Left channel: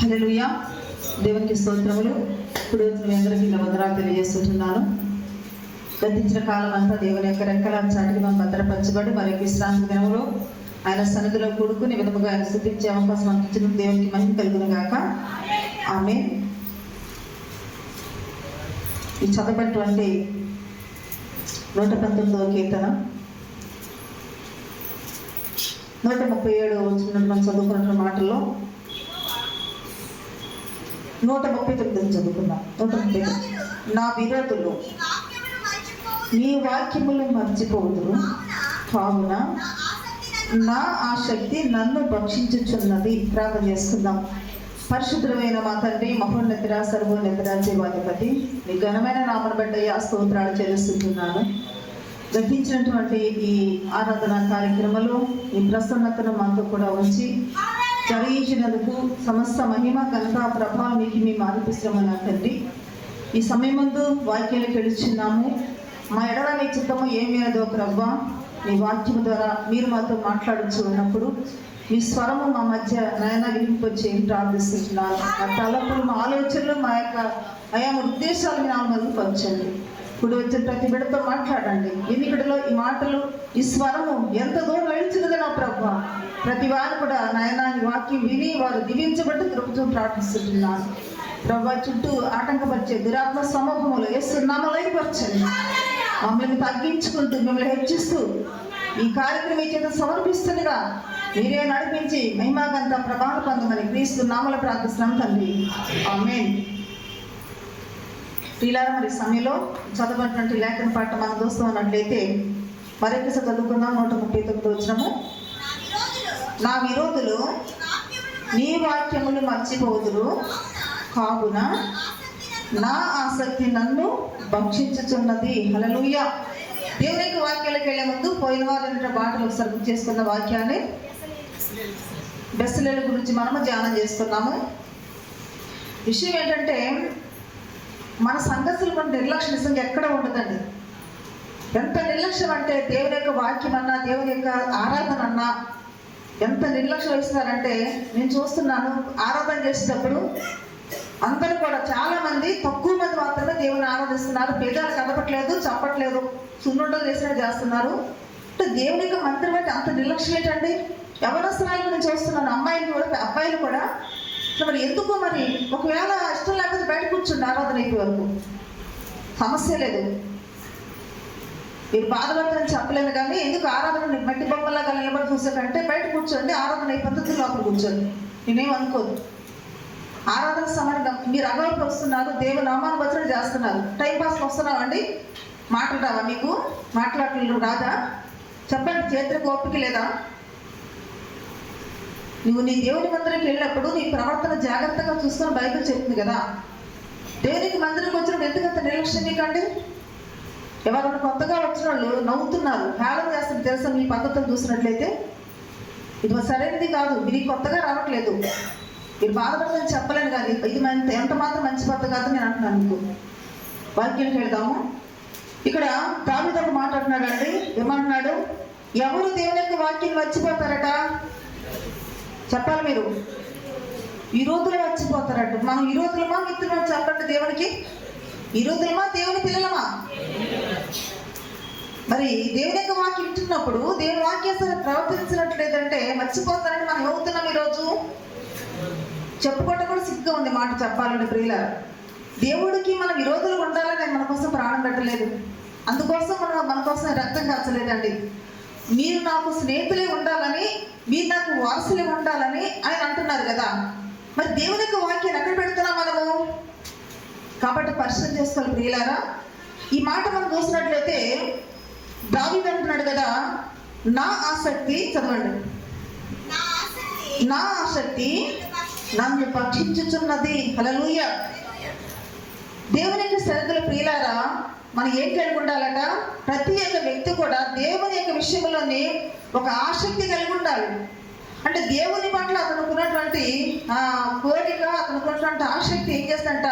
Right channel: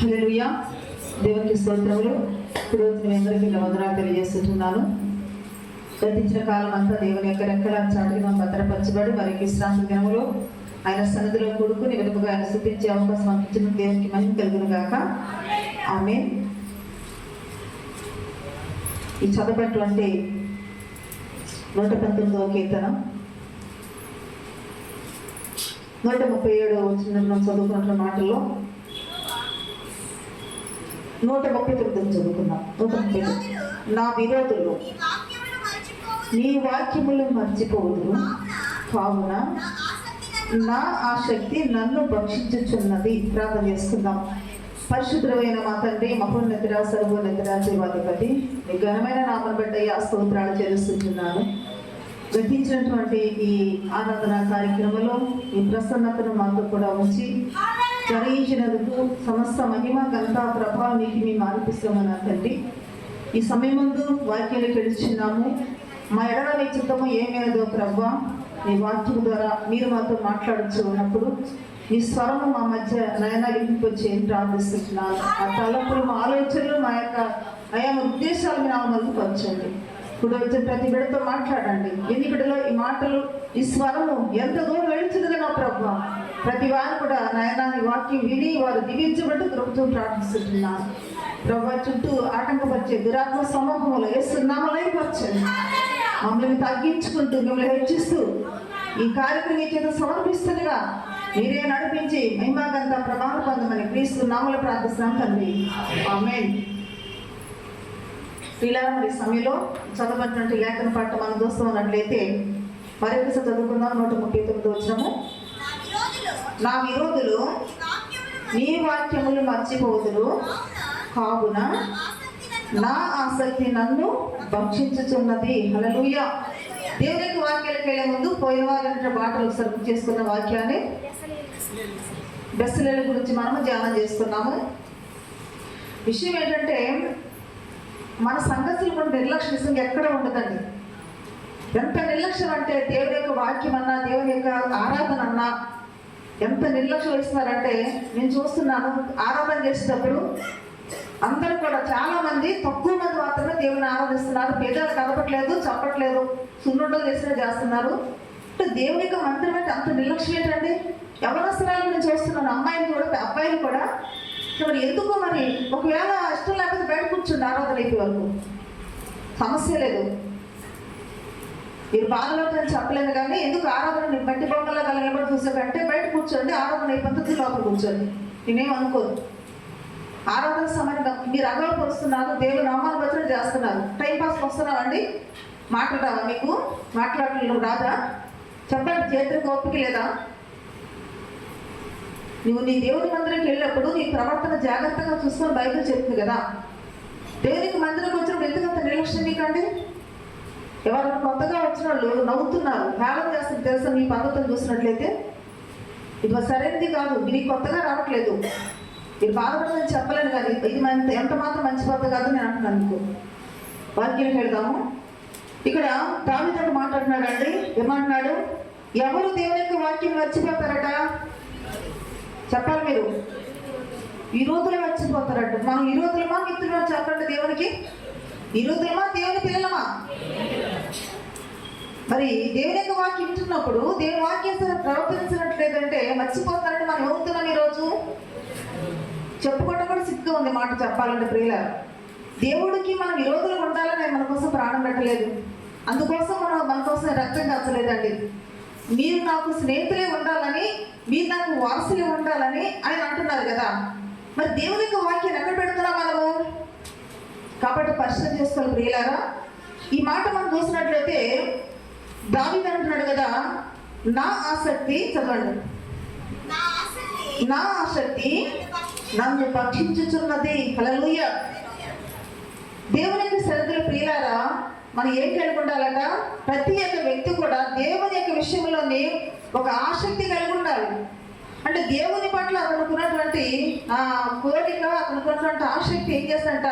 హల్లెలూయా. దేవునికి స్తోత్రములు. ఇప్పుడు మీ అందరికీ వందనాలు తెలియజేస్తున్నాను. గతించిన కాలం అంతా దేవుని యొక్క రెక్కల చాటుగా భద్రపరచబడి మరి విశ్రాంతి దినములో ఆయన సన్నిధిలో కూడుకుని విధముగా ఆయన స్తుతించే అవకాశం ఇచ్చిన దేవునికి మహిమ కలుగును గాక. ఆమేన్. ఈ చదవబడినటువంటి 119వ కీర్తన 137 వచ్చిన మనం చదువుకున్న మాటల్లో 139 చదువుకున్నాం. 139. నా విరోధులు నీ వాక్యములు మర్చిపోదురు, కావున నా ఆసక్తి నన్ను భక్షించుచున్నది. ప్రార్థన చేసుకుందాం. పరిశుద్ధమైన మా తండ్రి, మహోన్నతుడ, సర్వోన్నతుడ, జీవాధిపతి, నీ ఘనమైన నామను బట్టి స్తోత్రాలు చెల్లిస్తున్నాను. గతించినటువంటి ఈ ఆరాధన కార్యక్రమంలో ఈ ప్రసన్నతను మాతో కూడా ఉంచి జరిగించినందుకు సమస్త మహిమ ఘనత ప్రభావం మీకు మేము ఆరోపిస్తామన్నా తండ్రి. ఈ సమయం ముందు వాక్యాలు గెలుచున్నాము. మా ఎడల మీ చిత్తము ఏమేదో ప్రభా, మీ వాక్యము ద్వారా మీరు మాతో మాట్లాడుచు ఉన్నప్పుడు మీ స్వరము మా మధ్య నయన వినిపించి ప్రార్థిస్తున్నాను. మా తలపులు, మా ఆలోచనలు, మా యొక్క ఆయా ఉద్దేశాలు నా ముందు పంచండి. ఇప్పుడు వచ్చిన ప్రతి బిడ్డతో మాట్లాడండి. ఎన్నికడలో ఈ మాటలు, ఈ స్వరము ఎంత దూరం వెళ్తున్నది నా ప్రభా. ప్రతి వారు కూడా నాయనాన్ని వాక్యం విని వారు దివించబట్టి కృపతో ప్రార్థిస్తున్నాను. ప్రభా, చుట్టూ ఆటంకపరిచే దురాత్మ సమూహములు వేస్తున్నాము, లైపరచండి. మమ్మల్ని తగ్గించుకుంటూ మిమ్మల్ని హెచ్చిస్తూ ఈ కార్యక్రమం చేత సమర్పిస్తుండగా మీరే నడిపించి మహిమాగంత ప్రభావం పొందమని క్రీస్తు నామములో ప్రార్థిస్తున్నాం తండ్రి. ఆమేన్. ప్రియులారా, మరి సమయంలో చదవబడినటువంటి లేఖన పాట మనం చూస్తూ ఉన్నట్లయితే మరొకసారి చదువుకుందాం. 139 వచనము. నా విరోధులు నీ వాక్యములు మర్చిపోదురు, కావున నా ఆసక్తి నన్ను భక్షించుచున్నది. హల్లెలూయా. దేవుని యొక్క వాక్యాలకు వెళ్ళే ముందు పోయిన వారి మాటలు ఒకసారి చేసుకున్న వాక్యాన్ని బెస్సలేల గురించి మనము ధ్యానం చేస్తున్నాము. విషయం ఏంటంటే, మన సంగతులు మన నిర్లక్ష్యం నిజంగా ఎక్కడ ఉండదండి. ఎంత నిర్లక్ష్యం అంటే దేవుని యొక్క వాక్యం అన్నా, దేవుని యొక్క ఆరాధన అన్నా ఎంత నిర్లక్ష్యం ఇస్తున్నారంటే, నేను చూస్తున్నాను ఆరాధన చేసేటప్పుడు అందరూ కూడా చాలా మంది, తక్కువ మంది మాత్రమే దేవుని ఆరాధిస్తున్నారు. పేదలు కదపట్లేదు, చెప్పట్లేదు, సున్నుండలు చేసినట్టు చేస్తున్నారు. అంటే దేవుని యొక్క మంత్రం అంటే అంత నిర్లక్ష్యం ఏంటండి. యవనస్తురాలు నేను చూస్తున్నాను, అమ్మాయిలు కూడా అబ్బాయిలు కూడా. మరి ఎందుకు, మరి ఒకవేళ ఇష్టం లేకపోతే బయట కూర్చుండి ఆరాధన అయిపోయే వరకు సమస్య లేదు. మీరు బాధపడతారని చెప్పలేదు కానీ ఎందుకు ఆరాధన మట్టి బొమ్మలాగా నిలబడి చూసారంటే బయట కూర్చోండి, ఆరాధన అయిపోతుంది, లోపల కూర్చోండి. నేనేం అనుకోదు. ఆరాధన సమయంగా మీరు అగౌరవపరుస్తున్నారు, దేవుని నామాన్ని వచ్చిన చేస్తున్నారు. టైంపాస్కి వస్తున్నావండి, మాట్లాడావా? మీకు మాట్లాడలేదు రాదా? చెప్పండి. చేతులకు ఓపిక లేదా? నువ్వు నీ దేవుని మందిరానికి వెళ్ళినప్పుడు నీ ప్రవర్తన జాగ్రత్తగా చూసుకొని బైబిల్ చెప్తుంది కదా. దేవునికి మందిరం వచ్చినప్పుడు ఎందుకంత నిర్లక్ష్యం నీకండి? ఎవరైనా కొత్తగా వచ్చిన వాళ్ళు నవ్వుతున్నారు, హేళన చేస్తారు తెలుసా? మీ పద్ధతులు చూసినట్లయితే ఇది సరైనది కాదు, మీరు కొత్తగా రావట్లేదు, మీరు బాధపడదని చెప్పలేను కానీ ఇది ఎంత మాత్రం మంచి పద్ధతి కాదు నేను అంటున్నాను. మీకు వాక్యం వెళ్దాము. ఇక్కడ దావీదు మాట్లాడుతున్నాడు అండి. ఏమంటున్నాడు? ఎవరు దేవుని యొక్క వాక్యం మర్చిపోతారట? చెప్పాలి మీరు. విరోధులు మర్చిపోతారట. మనం విరోధులమా మిత్రులమా? చెప్పండి. దేవునికి విరోధులమా, దేవుని పిల్లలమా? మరి దేవుని యొక్క వాక్యం వింటున్నప్పుడు దేవుని వాక్యం ప్రవర్తించినట్లేదంటే మర్చిపోతారని మనం ఏమవుతున్నాం ఈరోజు? చెప్పుకోవటం కూడా సిగ్గుగా ఉంది మాట చెప్పాలంటే. ప్రియులారా, దేవుడికి మన విరోధులు ఉండాలని ఆయన మన కోసం ప్రాణం పెట్టలేదు. అందుకోసం మన కోసం రక్తం కాచలేదండి. మీరు నాకు స్నేహితులే ఉండాలని, మీరు నాకు వారసులే ఉండాలని ఆయన అంటున్నారు కదా. మరి దేవుని యొక్క వాక్యాన్ని ఎక్కడ పెడుతున్నాం మనము? కాబట్టి పరిశీలన చేసుకోవాలి ప్రియులారా. ఈ మాట మనం చూసినట్లయితే దావీదు అంటున్నాడు కదా, నా ఆసక్తి, చదవండి, నా ఆసక్తి నన్ను భక్షించుచున్నది. హల్లెలూయా. దేవుని యొక్క శ్రద్ధలు ప్రియులారా, మనం ఏం కలిగి ఉండాలట? ప్రతి ఒక్క వ్యక్తి కూడా దేవుని యొక్క విషయంలోనే ఒక ఆసక్తి కలిగి ఉండాలి. అంటే దేవుని పట్ల అతనుకున్నటువంటి కోరిక, అతనుకున్నటువంటి ఆసక్తి ఏం చేస్తుందంట?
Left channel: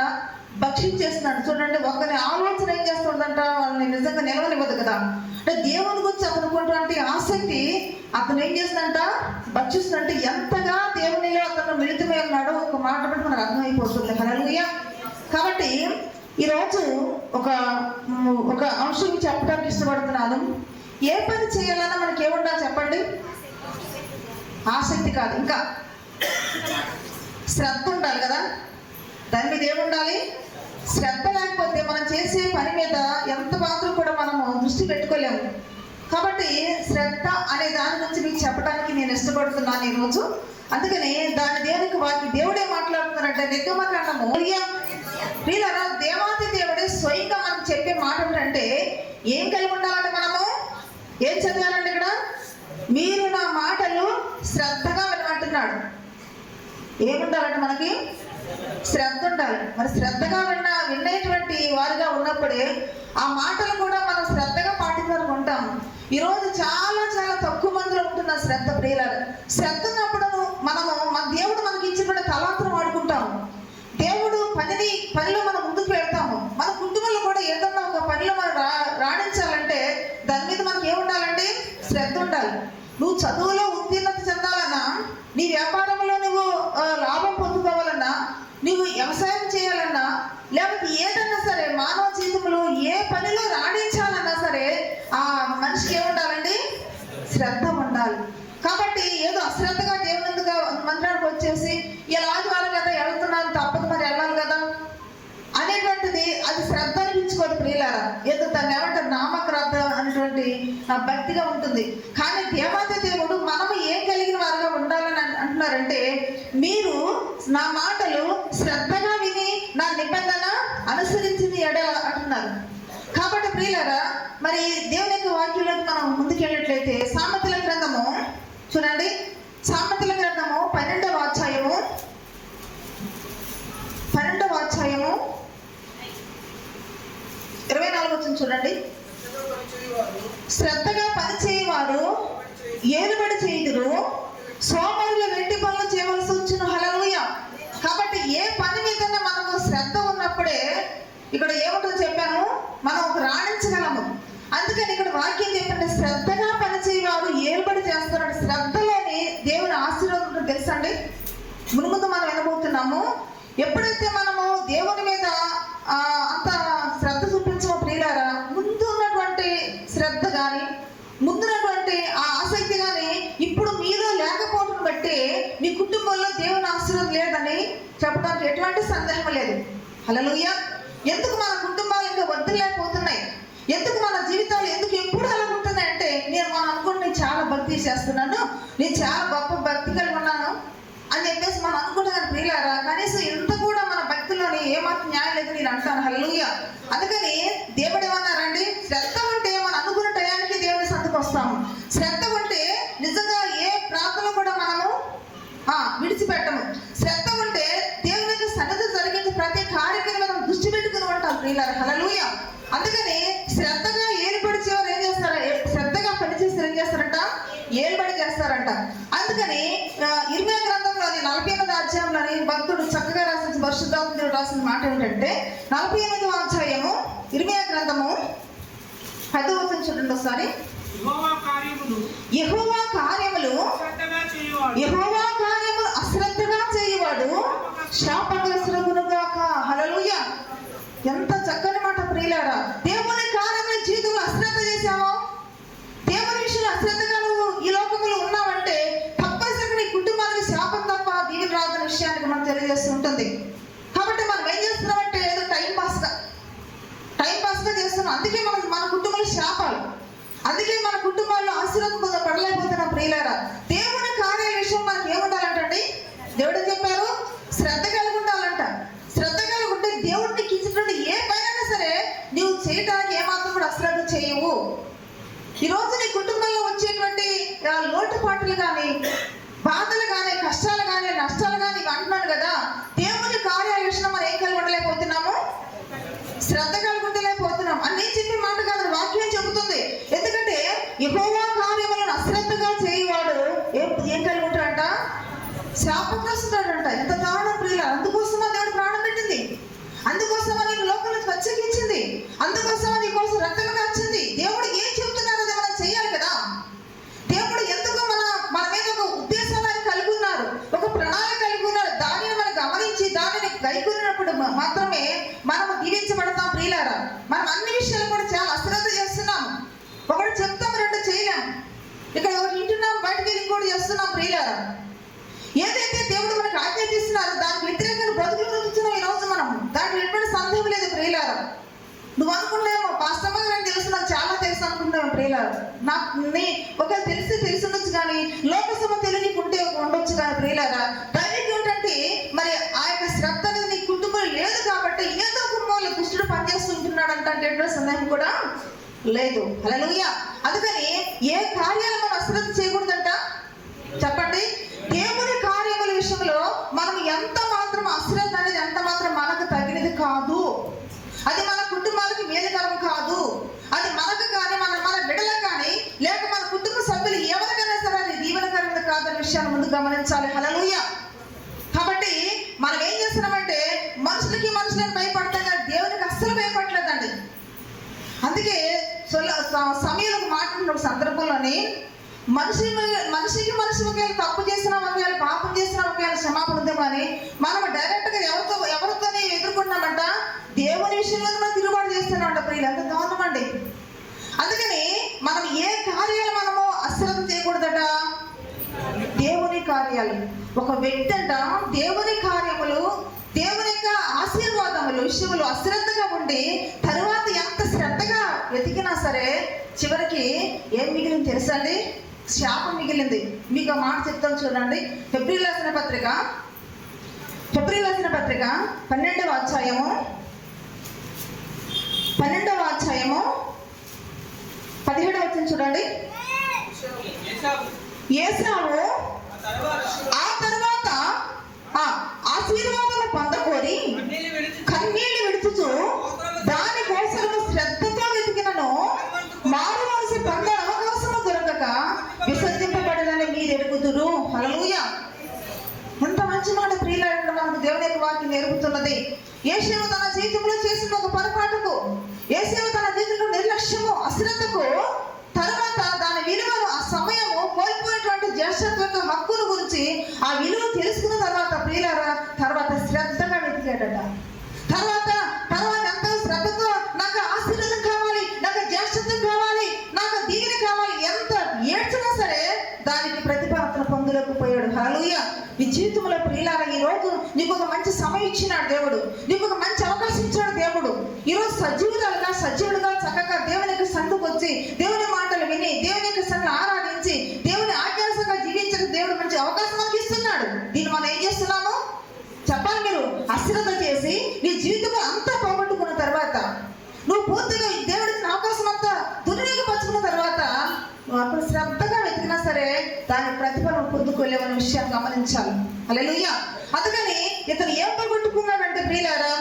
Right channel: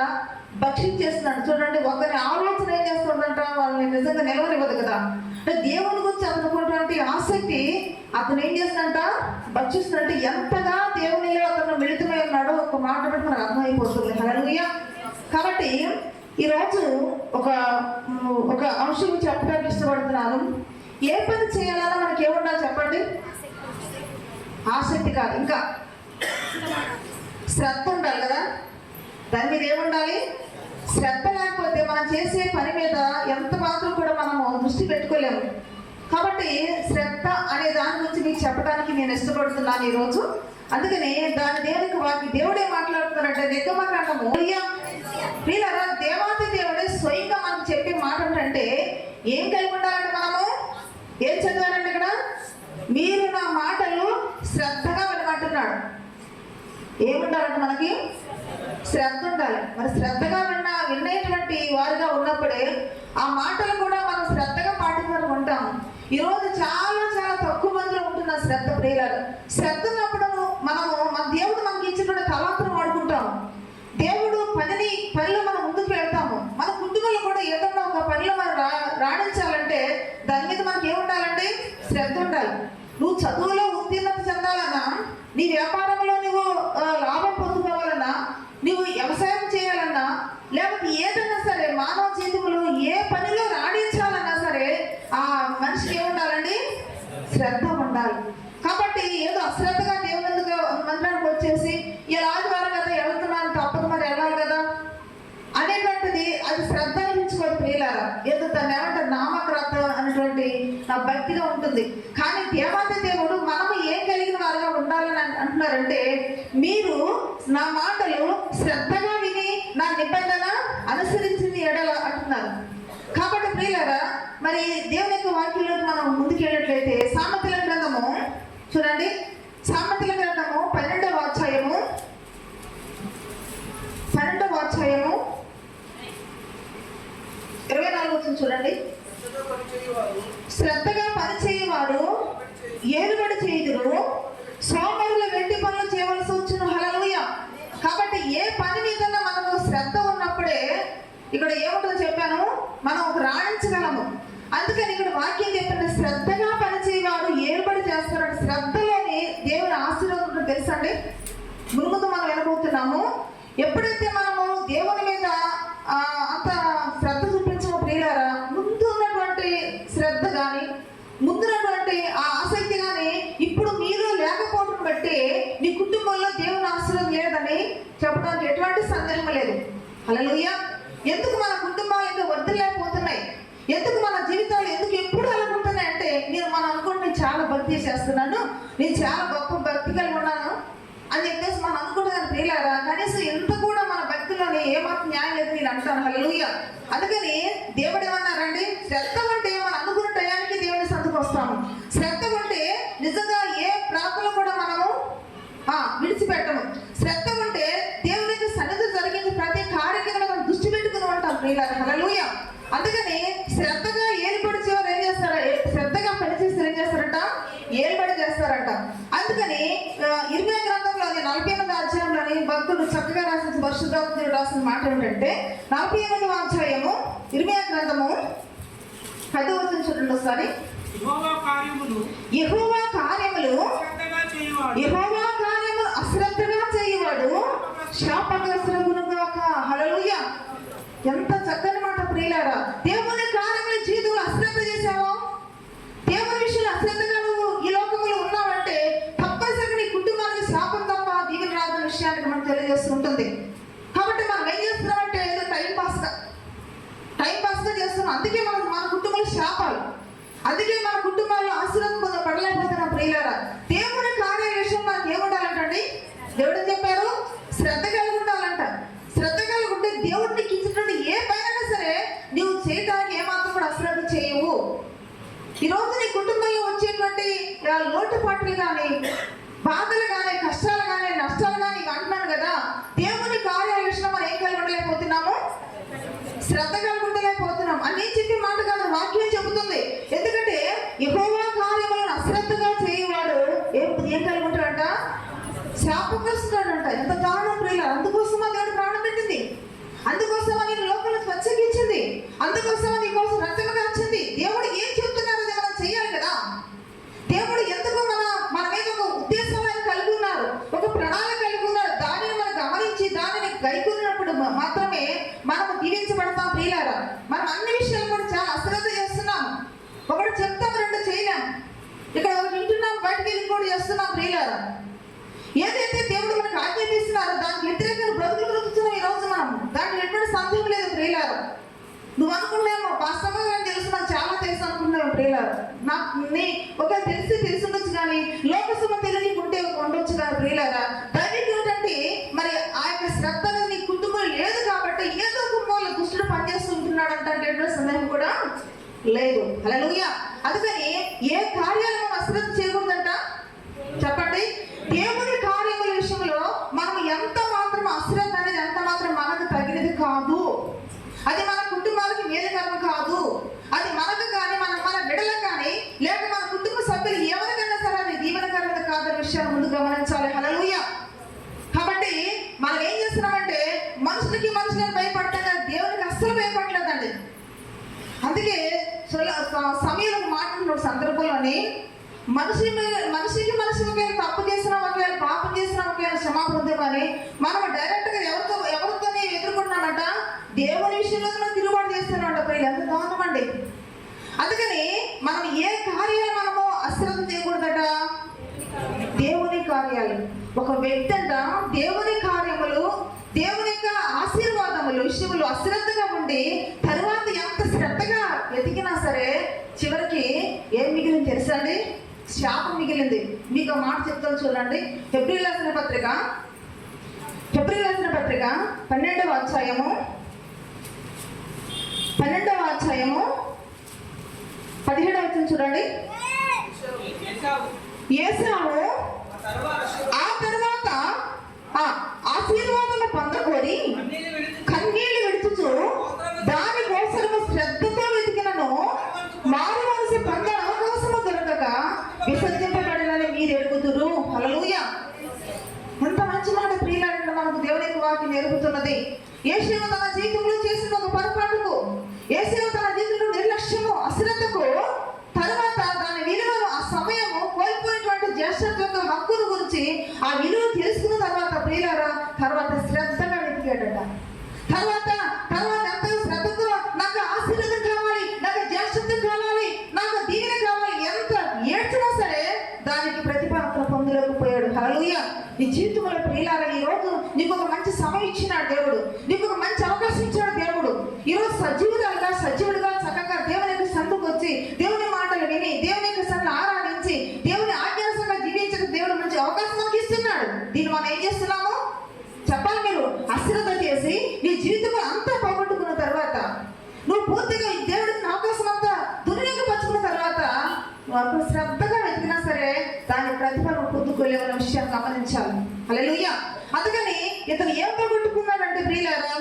భక్షించేస్తున్నాడు. చూడండి, ఒకరి ఆలోచన ఏం చేస్తుందంట? వాళ్ళని నిజంగా నిలవనివ్వదు కదా. అంటే దేవుని గురించి అతనుకున్నటువంటి ఆసక్తి అతను ఏం చేస్తుందంట? భక్షిస్తుందంటే ఎంతగా దేవునిలో అతను మిళితమై ఉన్నాడో ఒక మాట మాట మనకు అర్థమైపోతుంది. హల్లెలూయా. కాబట్టి ఈరోజు ఒక అంశం చెప్పడానికి ఇష్టపడుతున్నాను. ఏ పని చేయాలన్నా మనకి ఏముండాలి చెప్పండి? ఆసక్తి కాదు, ఇంకా శ్రద్ధ ఉండాలి కదా. దాని మీద ఏముండాలి? శ్రద్ధ లేకపోతే మనం చేసే పని మీద ఎంత మాత్రం కూడా మనము దృష్టి పెట్టుకోలేము. కాబట్టి శ్రద్ధ అనే దాని గురించి మీకు చెప్పడానికి నేను ఇష్టపడుతున్నాను ఈరోజు. అందుకని దేవుడే మాట్లాడుతున్నారంటే నిర్గమకాండము వీళ్ళరా దేవాది దేవుడే స్వయంగా మనకు చెప్పే మాట ఏంటంటే ఏం కలిగి ఉండాలంటే మనము ఏం చదివానండి ఇక్కడ? మీరు నా మాటలు శ్రద్ధగా వినమంటున్నాడు. ఏముండాలంటే మనకి శ్రద్ధ ఉండాలి. మరి శ్రద్ధగా వినేటువంటి వారిగా ఉన్నప్పుడే ఆ మాటలు కూడా మనం శ్రద్ధగా పాటించాలని ఉంటాం. ఈరోజు చాలా చాలా తక్కువ మందిలో ఉంటున్న శ్రద్ధ. ప్రియులారా, శ్రద్ధ ఉన్నప్పుడు మన దేవుడు మనకి ఇచ్చిన తలాంతులు వాడుకుంటాం. దేవుడు పనిలో మనం ముందుకు వెళ్తాము. మన కుటుంబంలో కూడా ఏదన్నా ఒక పనిలో మనం రాణించాలంటే దాని మీద మనకి ఏముండాలంటే శ్రద్ధ ఉండాలి. నువ్వు చదువులో ఉత్తీర్ణత చెందాలన్నా, నీ వ్యాపారంలో నువ్వు లాభం పొందుకోవాలన్నా, నువ్వు వ్యవసాయం చేయాలన్నా, లేకపోతే ఏదన్నా సరే మానవ జీవితంలో ఏ పనిలో రాణించాలన్నా సరే ఆ మనిషికి ఏముండాలండి? శ్రద్ధ ఉండాలి. కాబట్టి ఏదో అశ్రద్ధగా దేవుని మందిరానికి వచ్చేసి ఇలా ఆదివారం కదా వెళ్తున్నాను, తప్పదు మరి వెళ్ళాలి కదా అనేటువంటిది అది శ్రద్ధ అనిపించుకోదు. ప్రియులారా, ఏదో దాన్ని ఏమంటారు నామక్రద్ధ అనేటువంటి భక్తిగా ఉంటుంది. కానీ దేవాది దేవుడు మనము ఏం కలిగిన వారిగా ఉండాలని అంటున్నారంటే మీరు నా మాటలు శ్రద్ధగా విని నా నిబంధన అనుసరించింది ఎడల అంటున్నారు. కాబట్టి ప్రియులారా, మరి దేవుని యొక్క వాక్యంలోకి మనం ముందుకెళ్ళినట్లయితే సామెతల గ్రంథము చూడండి. సామెతల గ్రంథము 12వ అధ్యాయము 24 చూడండి. శ్రద్ధగా పనిచేయవారు ఏలుబడి చేయుదురు, సోమరుల వెండి పనులు చేయవలసి వచ్చిన. హల్లెలూయా. కాబట్టి ఏ పని మీద మనము శ్రద్ధ ఉన్నప్పుడే ఇక్కడ ఏముంటుందో చెప్పాను, మనం రాణించగలము. అందుకని ఇక్కడ వాక్యం చెప్పండి, శ్రద్ధగా పనిచేయవారు ఏలుబడి చేస్తారంటే శ్రద్ధలోని దేవుని ఆశీర్వాదం తెలుసండి. ముందు మనం వినబోతున్నాము. ఎప్పుడైతే మనము దేవుని మీద అంత శ్రద్ధ చూపించిన ప్రియులారా, ముందు ఉన్నటువంటి శ్రద్ధ కానీ ముందున్నటువంటి ఆ ఆసక్తి కానీ ఇప్పుడు మీలో లేకపోవడం బట్టి మీ కుటుంబంలో దేవుని ఆశీర్వాదం లేదని చెప్పడానికి ఎటువంటి సందేహం లేదు. హల్లెలూయా. ఎందుకు మన కుటుంబాలు ఇంకా వదిలేకపోతున్నాయి? ఎందుకు మన జీవితాలు ఎందుకు ఎప్పుడు అలా ఉంటున్నాయి అంటే మనం అనుకుంటే నేను చాలా భక్తి చేస్తున్నాను, నేను చాలా గొప్ప భక్తి కలిగి ఉన్నాను అని చెప్పేసి మనం అనుకుంటున్నాను. ప్రియులారా, కనీసం ఎంత కూడా మన భక్తిలోని ఏమాత్రం న్యాయం లేదు నేను అంటాను. హల్లెలూయా. అందుకని దేవుడు ఏమన్నారండి, శ్రద్ధ ఉంటే మనం అనుకున్న టయానికి దేవుని సంతకు వస్తాము. శ్రద్ధ ఉంటే నిజంగా ఏ ప్రార్థన కూడా మనము విడిచిపెట్టము. శ్రద్ధ ఉంటే దేవునికి సన్నిధి జరిగించి ప్రతి కార్యక్రమం మనం దృష్టి పెట్టుకుని ఉంటాం. ప్రియులారా, హల్లెలూయా. అందుకని శ్రద్ధగా ఏలుబడి చేవారు ఏం చేస్తారు? శ్రద్ధగా పనిచేస్తే ఏం చేస్తారంట? ఏలుబడి చేస్తారంట. అందుకని ఇర్మియా గ్రంథంలోని 48వ అధ్యాయంలోని భక్తుడు చక్కగా రాసిన పరిశుద్ధాత్ముడు రాసిన మాట ఏంటంటే 48వ అధ్యాయము ఇర్మియా గ్రంథము 10వ వచనం చూడండి ఒకసారి. యెహోవా కార్యములు అశ్రద్ధగా చేయువాడు శాపగ్రస్తుడగునుగాక. హల్లెలూయా. ఎంత చక్కని మాట ప్రియులారా. దేవుని కార్యముల జీవితంలో అశ్రద్ధ చేశావా? దేవుని విషయంలో అశ్రద్ధగా నువ్వు ఈ లోకంలో ఉన్నావంటే తప్పనిసరిగా నీ కుటుంబానికి శాపం తప్ప దీవెన రాదన్న విషయానికి మనం తెలియజేస్తుంటుంది. కాబట్టి మనం ఏం చేస్తున్నామంటే ఏదో టైం పాస్గా చేస్తున్నాం. అందుకే మన కుటుంబంలో శాపాలు, అందుకే మన కుటుంబాల్లో ఆశీర్వాదం పడలేకపోతున్నాం. ప్రియులారా, దేవుని కార్యాల విషయం మనకి ఏముండాలంటండి? దేవుడు చెప్పారు శ్రద్ధ కలిగి ఉండాలంట. శ్రద్ధ కలిగి ఉంటే దేవుడు నీకు ఇచ్చినటువంటి ఏ పైన సరే నీవు చేయడానికి ఏమాత్రం కూడా అశ్రద్ధ చేయవు. ఈరోజు నీ కుటుంబంలో వచ్చేటువంటి లోటుపాట్లు కానీ, బాధలు కానీ, కష్టాలు కానీ, నష్టాలు కానీ అంటున్నాను కదా, దేవుని ఒకటి చెప్తాం, రెండు చేయలేం. ఇక్కడ ఒకటి వింటున్నాం, బయటకు వెళ్ళి కూడా చేస్తున్నాం ప్రియులారా. ఏదైతే దేవుడు మనకు ఆజ్ఞాపిస్తున్నారో దానికి వ్యతిరేకంగా బ్రతుకులు బ్రతుకుతున్నాం ఈ రోజు మనం. దానికి ఎటువంటి సందేహం లేదు ప్రియులారా. నువ్వు అనుకున్నామో వాస్తవంగా నాకు తెలుసు, నాకు చాలా తెలుసు అనుకున్నావు ప్రియులారా. నాకు ఒకవేళ తెలిసి కానీ లోకసభ తెలియకుంటే ఉండొచ్చు కానీ ప్రియులారా, దైవిక ఏంటంటే మరి ఆ యొక్క శ్రద్ధ అనేది నీ కుటుంబంలో లేదు కాబట్టి ఏదో కుటుంబంలో దుష్టుడు పనిచేస్తుంటున్నాడు అంటే సందేహం కూడా లేదు. హల్లెలూయా. అందుకని ఏ కార్యాలు మనం అశ్రద్ధ చేయకూడదంట చెప్పండి. దేవుని కార్యముల విషయంలో మనం ఎంత మాత్రం అశ్రద్ధ అనేది ఎంత మాత్రం మనకు తగినది కాదు. అది మన కుటుంబాలకు మేలుకరం కాదు. అది మనకు కానీ మన బిడ్డలకు కానీ లేక మన కుటుంబ సభ్యులు ఎవరికైనా సరే అది దీవెనకరమైన కాదన్న విషయాన్ని ముందు గమనించాలి. హల్లెలూయా. కాబట్టి మనం ఏం చేస్తున్నామంటే మనుషులకి భయపడుతున్నా, దేవునికి అస్సలు భయపడలేదండి. అందుకే సమయంలో మాట్లాడిన సందర్భంలోని మనిషికి తప్పు చేసినా ఒకవేళ పాపం చేసినా ఒకవేళ క్షమాపణ ఉందే కానీ మనం డైరెక్ట్ గా ఎవరితో ఎదుర్కొంటున్నామంట దేవుని విషయంలో మనం తిరుగుబాటు చేస్తున్నామంట. ప్రియులు ఎంత దారుణం అండి. అందుకని మనం ఏ కార్యాలు మనము అశ్రద్ధ చేయకూడదట, దేవుని కార్యాలు. ఒక వ్యక్తి అంట దేవుని కార్యములు దేవుని యొక్క ఆశీర్వాదములు విషయంలో అశ్రద్ధగా ఉండి తర్వాత ఎంత శ్రద్ధగా వెతికినా సరే చివరికి ఏం మిగిలింది తెలుసా అండి? శాపం మిగిలింది. మీకు ఆ మాట చెప్తాను చూడండి. ఫిబ్రవరి రాసిన పత్రిక 12వ అధ్యాయము 17వ వచనం చూడండి. ఏశావు ఆ తర్వాత ఆశీర్వాదాలు పొందకోరి కన్నీళ్లు విడుచుచు దాని కోసము శ్రద్ధతో వెతికినను మారుమనసి పొంద అవకాశము దొరకక విసర్జింపబడాలని మీరు ఎరుగుదురు. హల్లెలూయా. ఎంత మంచి మాట ప్రియులారా, మనకు దేవుని యొక్క వాక్యం నేర్పుతున్నది. యేషూవ తన జీవితంలో చేసిన ఒక పొరపాటుకు, యేషూవ తన జీవితంలో నిర్లక్ష్యము అశ్రద్ధకు తర్వాత దాని విలువను ఆ సమయము కోల్పోయినటువంటి జ్యేష్ఠత్వ హక్కును గురించి ఆ విలువ తెలుసుకున్న తర్వాత ప్రియులారా తర్వాత శ్రద్ధగా వెతికాడట. తర్వాత ఎంతో శ్రద్ధతో నాకు ఆశీర్వాదం కావాలి, నాకు జ్యేష్ఠత్వం కావాలి, నాకు దీవెన కావాలి, ఎంత ఏడ్చినా సరే దానికి ప్రతిఫలం పొందలేకపోయాడు. హల్లెలూయా. నీ జీవితంలో ప్రియులారా ఈ రోజు నీకు ఒక మంచి సమయం ఇచ్చినాడు దేవుడు, నీకు ఒక మంచి అవకాశం ఇచ్చాడు దేవుడు. ఈరోజు సజీవుడుగా చక్కగా దేవుని యొక్క సందుకు వచ్చి దేవుని మాటలు విని దేవుని యొక్క సంగ ఆరాధించి దేవుని ఆజ్ఞానుసారంగా జీవించిన దేవుడు మంచి అవకాశం మనకి ఇస్తున్నాడు. దీన్ని మనం ఏం చేస్తున్నాము చెప్పాలి. మీరు అశ్రద్ధ చేసి నీ జీవితంలో అంతా పోగొట్టుకున్న తర్వాత నువ్వు పూర్తిగా దేవుడికి అవకాశం అంతా దుర్వినియోగపరుచుకున్న తర్వాత నువ్వు అక్కడ శ్రద్ధగా వెతికినా సరే దాని ప్రతిఫలం పొందుకోలేమన్న విషయాన్ని గమనించాలి. హల్లెలూయా. అందుకని ఇతను ఏం పోగొట్టుకున్నాడంటే ప్రియులారా